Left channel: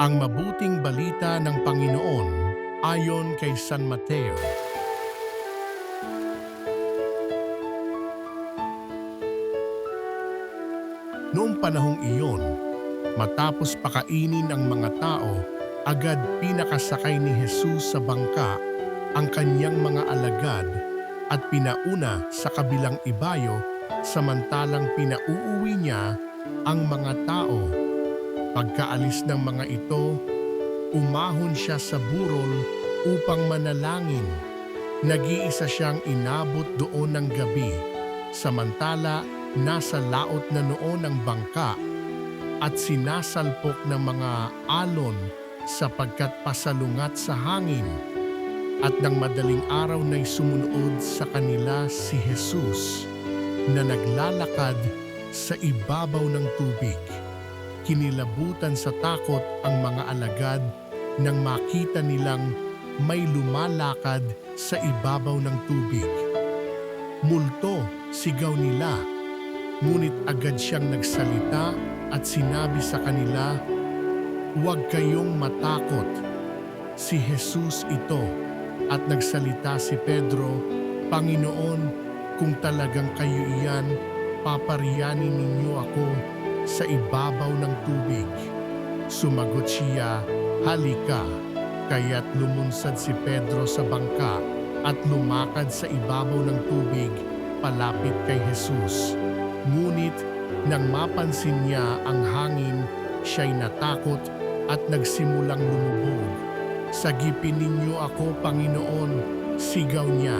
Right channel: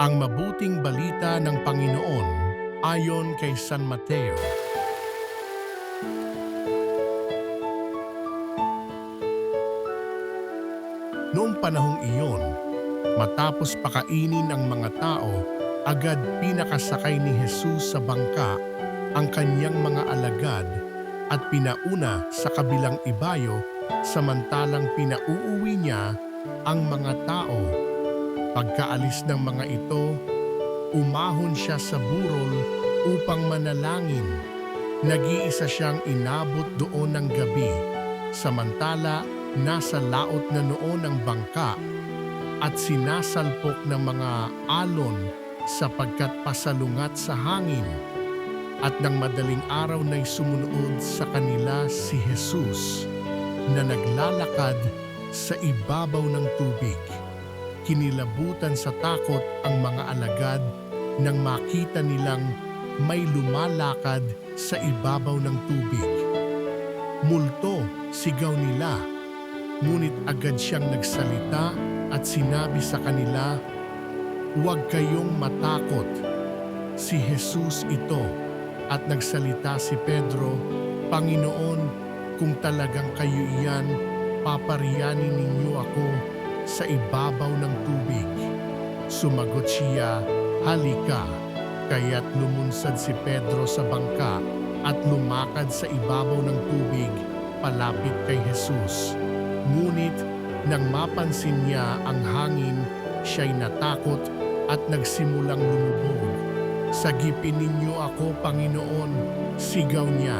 Ang mabuting balita ng Panginoon ayon kay San Mateo. Noong panahong iyon, matapos pakainin ang mga tao, agad pinakasakay ni Jesus sa bangka ang kanyang mga alagad at pinauna sa kabilang ibayo samantalang pinauuwi niya ang mga tao. Pagkaalis ng mga ito, umahon siya sa burol upang manalangin. Nag-iisa siyang inabot doon ng gabi, samantala nasa laot na noon ang bangka at sinasalpok ng mga alon sapagkat pasalungat sa hangin. At ng madaling araw na'y sumunod sa kanila si Jesus na naglalakad sa ibabaw ng tubig. Kinilabutan sa takot ang mga alagad nang makita nilang may lumalakad sa ibabaw ng tubig. Multo, sigaw nila. Ngunit agad siyang nagsalita at sinabi sa kanila, "Huwag kayong matakot. Si Jesus ito." At nagsalita si Pedro, "Panginoon, kung talagang kayo iyan, papariyanin ninyo ako sa ibabaw ng tubig." Sumagot siya, "Halika." Kaya't lumunsad si Pedro sa bangka at lumakad sa ibabaw ng tubig palapit kay Jesus. Ngunit nang mapansin niya ang hangin, siya'y natakot at nagsimulang lumubog. "Sagipin ninyo ako, Panginoon," sigaw niya.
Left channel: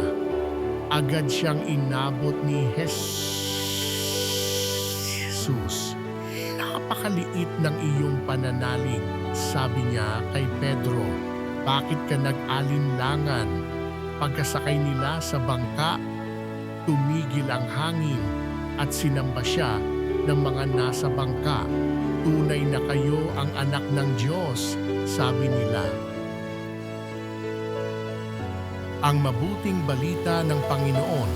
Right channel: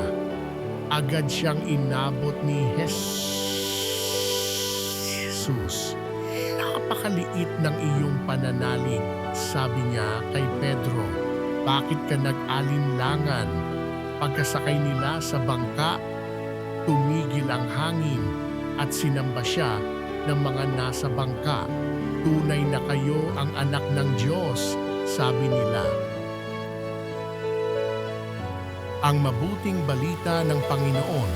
Agad siyang inabot ni Jesus. "Napakaliit ng iyong pananalig," sabi niya kay Pedro. "Bakit ka nag-alinlangan?" Pagkasakay nila sa bangka, tumigil ang hangin at sinamba siya ng mga nasa bangka. "Tunay na kayo ang anak ng Diyos," sabi nila. Ang mabuting balita ng Panginoon